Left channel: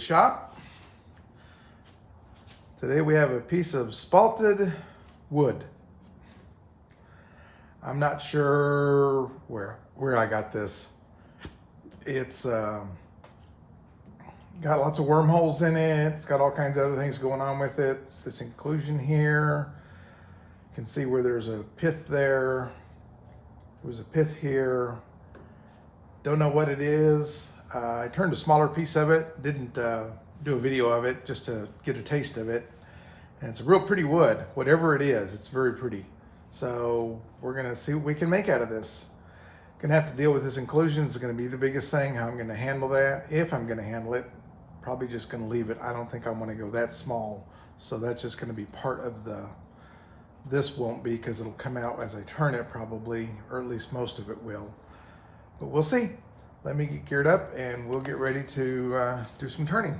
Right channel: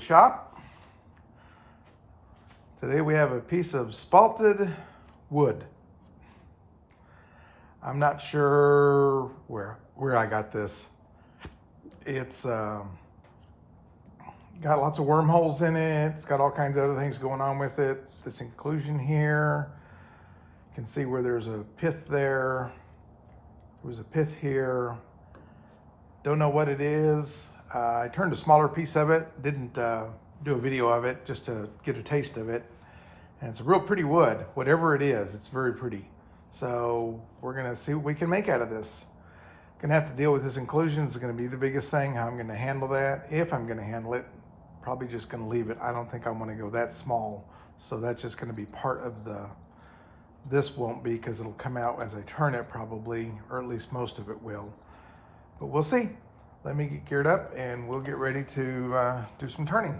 the shop. Today we have a piece of spalted wood. I'm not sure where I got this. It's got lots of wormholes in it. It's got all kinds of other things going on with it. This inclusion here, you can see where there's a pith there. There's a pith here. Don't know what it is. I turned a smaller piece of it. Didn't do a video of it just to get a taste of it. And it's a real pretty wood. Whatever it is, it's very pretty. So we're gonna see what we can make out of this. Gonna have to deal with this inclusion. It's gonna be the biggest thing. How I'm gonna handle that, if I'm gonna handle it. Probably just gonna leave it. I don't think I wanna go that small. So that's just gonna be part of this won't be, because it'll come out as I turn it probably, or at least most of it will. But we'll see. Let me get geared up and we'll get ready to do some turning.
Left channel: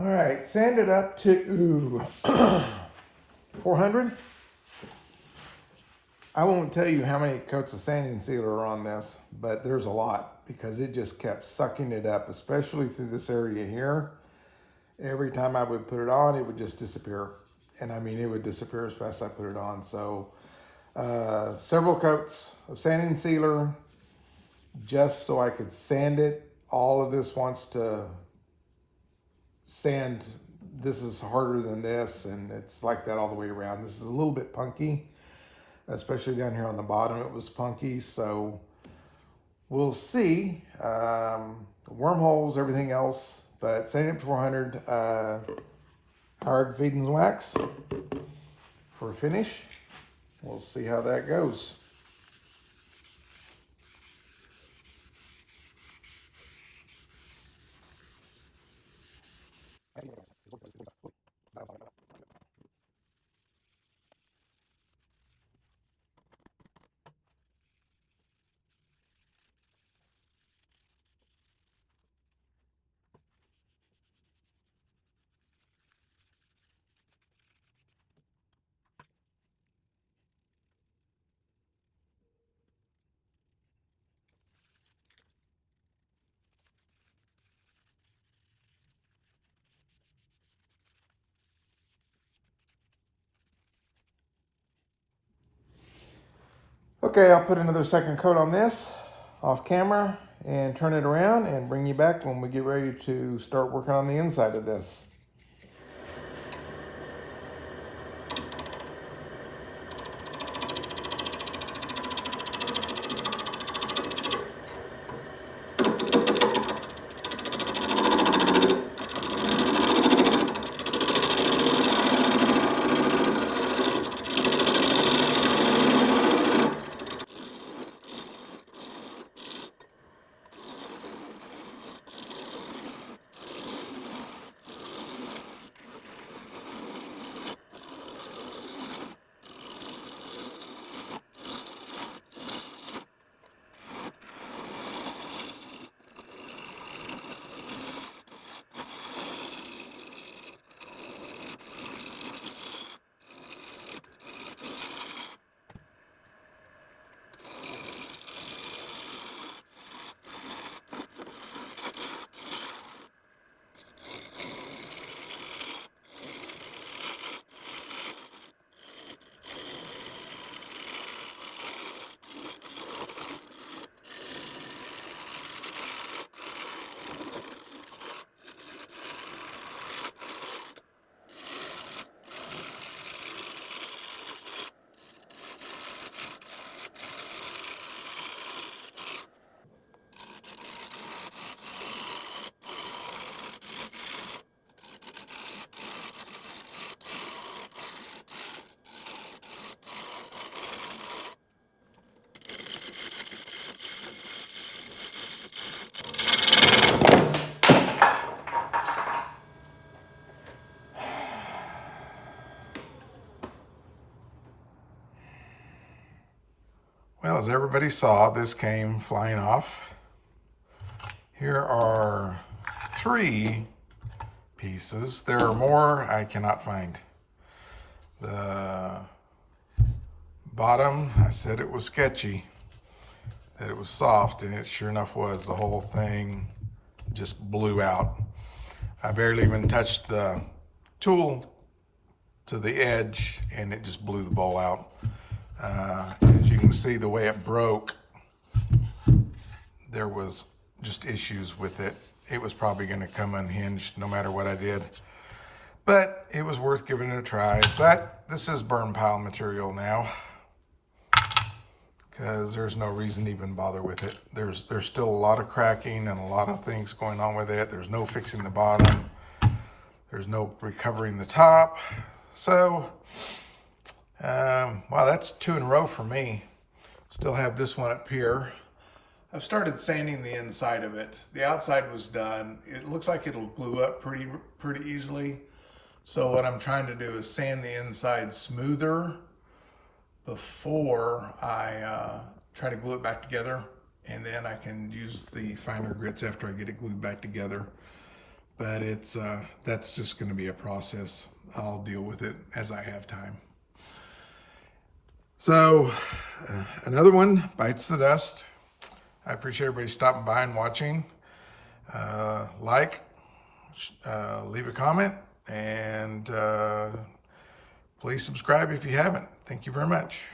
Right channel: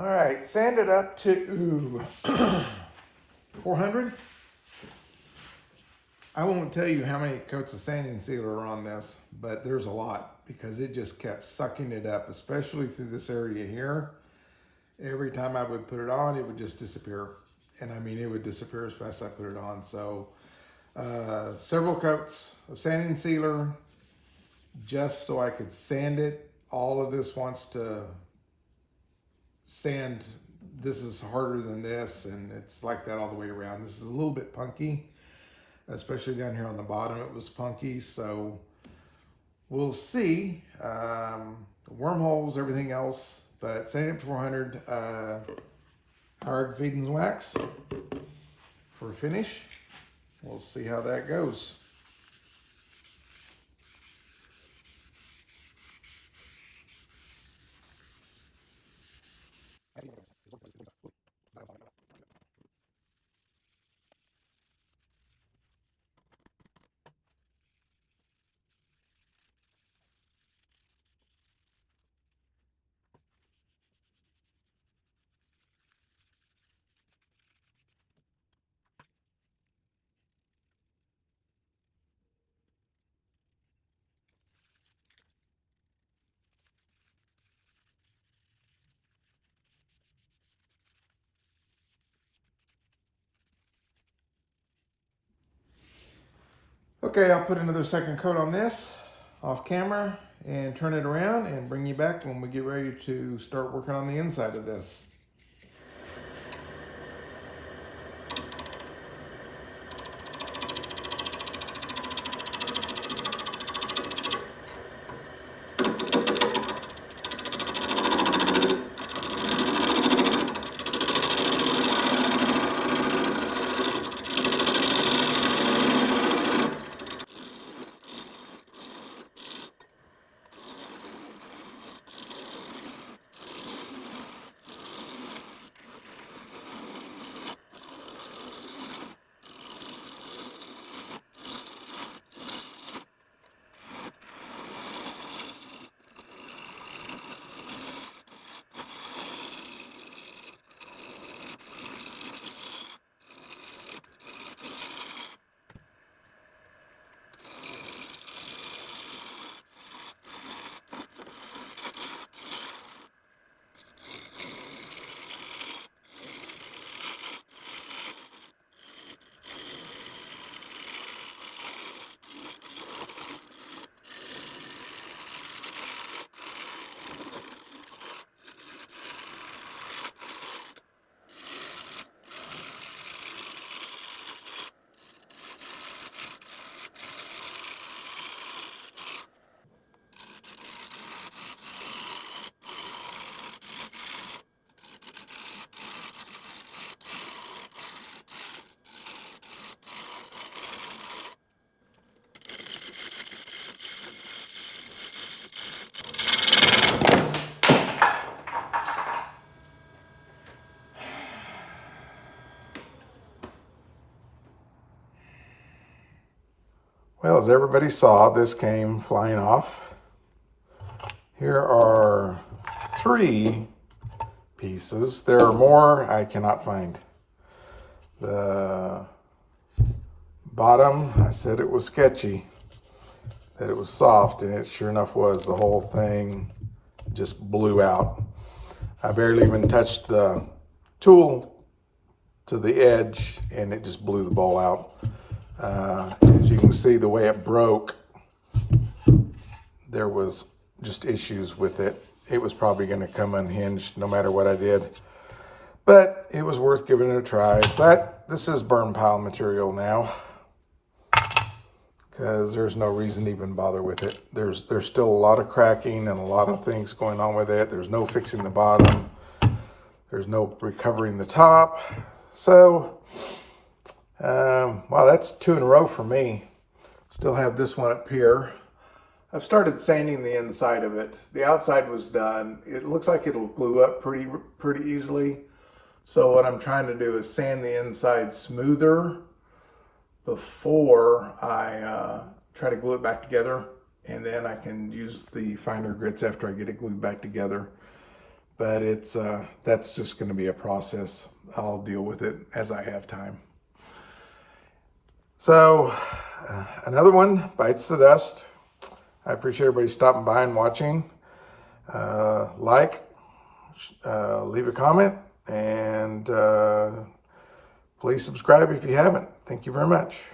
All right, sand it up to 400. I won't tell you how many coats of sanding sealer are on this, but there's a lot. because it just kept sucking it up, especially through this area here. Every time I would put it on, it would just disappear. And I mean, it would disappear as fast as I put it on. So several coats of sanding sealer just so I could sand it. All of this wants to sand. This is harder than this, and it's like that all the way around. This is a little bit punky, especially down here on the bottom. It was punky, so we'll see. Wormholes, everything else, but sanding it to 400. Hard feeding wax for a finish. We'll see how that goes. Okay, I'll put another second coat on this off camera and turn it around and bring you back when we get ready to start working on the inside of this. Well, as everybody saw, this came flying off. Here are 3 pieces. There are more I cannot find. The bottom, I said it was sketchy, that it was soft, and it sure enough was. The whole thing just blew out. I barely even touched the tool to the edge, and it just blew the bowl out. As you can see, the way it broke, there was just issues with it. It was probably going to come unhinged no matter what I did. But it was worth giving it a try. But this is burn pile material now, because there's no reason to even bother with it. There's still a lot of cracking and a lot of things going on with it. There's no fixing the bottom. There's no recovering the top. So, wow, that's 2 in a row for me. Still have this one up here. I've started sanding the inside of it. The outside was done. It looks like it'll glue up pretty easily. So what I'm trying to do is sand the inside smoother before I try to glue it back together, and then I can use the finer grits after I get it glued back together. But it's that's just going to be a process. I'll deal with it as I have time. So another one bites the dust. I appreciate everybody stopping by and watching. Leave a comment, and please subscribe if you haven't. Thank you very much.